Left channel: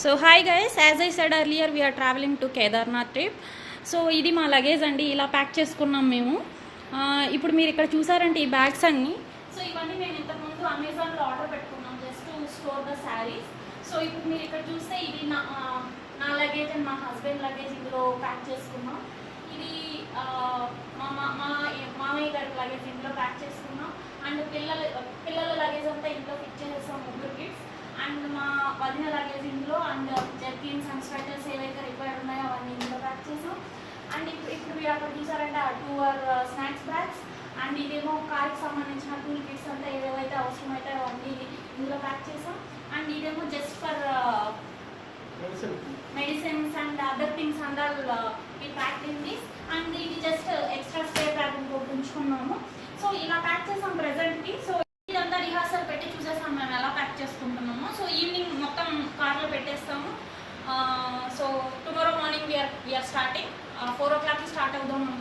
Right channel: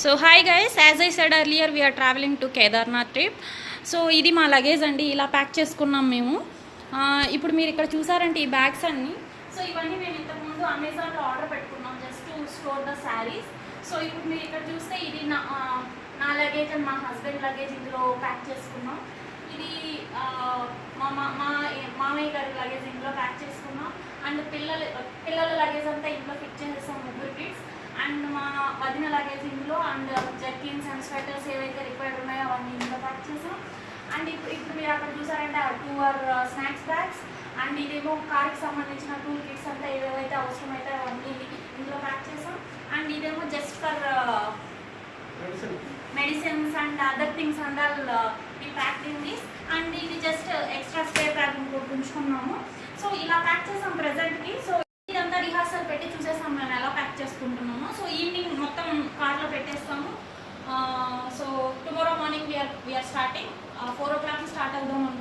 So hi guys, as I said earlier we're travelling to Kedarnath trip. So ఇది మా luggage అండి, ఇలా pack చేసుకున్నాం మేము. ఇప్పుడు మీరు ఇక్కడ చూసారంటే ఈ బ్యాగ్స్ అన్నీ. సో ఇవన్నీ మేము ఇంతకుముందు అమెజాన్లో ఆర్డర్ పెట్టుకున్నాం just to store the saris. So ఇప్పుడు మీరు ఇక్కడ చూస్తే ఇది నా లగేజ్ అండ్ మా హస్బెండ్ లగేజ్ ఇందులో ప్యాక్ చేసుకున్నాం. ఇది మామయ్య గారి లగేజ్ ఇందులో ప్యాక్ చేసుకున్నాం. అండ్ పిల్లల లగేజ్ అంతా ఇంట్లో ఫిట్ చేసేస్తాం, ముగ్గురు కిడ్స్. అండ్ మా వదిన లగేజ్ ఇందులో, అండ్ జర్కిన్స్ అండ్ స్వెటర్స్ ఏవైతే రిక్వైర్డ్ ఉన్నాయో అవన్నీ ఇందులో ప్యాక్ చేసాం. అండ్ ఇప్పుడు మీరు అక్కడ చూసారంటే ఆ 2 స్నాక్స్ బ్యాగ్స్. అండ్ ఇదేమో కార్కి సంబంధించిన టూల్ కిట్స్ అంతా ఏవైతే అవసరమైతే అవన్నీ ఇందులో ప్యాక్ చేసాం. అండ్ ఇదేమో just for medicines and other things and all ఈ ప్యాక్ ఇన్ దిస్. అండ్ ఇది జస్ట్ ఎక్స్ట్రా స్ప్రే ప్యాక్ ఇంకోటి ఉంచుకున్నాము. సో ఇలా ప్యాక్ చేసాం ప్రెజెంట్కి. సో ఇదంతా రిహార్సల్ పెట్టి చూసేసాం మేము ఎలా ప్యాక్ చేసుకుంటున్నాము. సో ఈవినింగ్ మొత్తం కార్లో పెట్టేస్తాము. So tomorrow morning we are starting 4 o'clock start అవుదాం అనుకుంటున్నాం.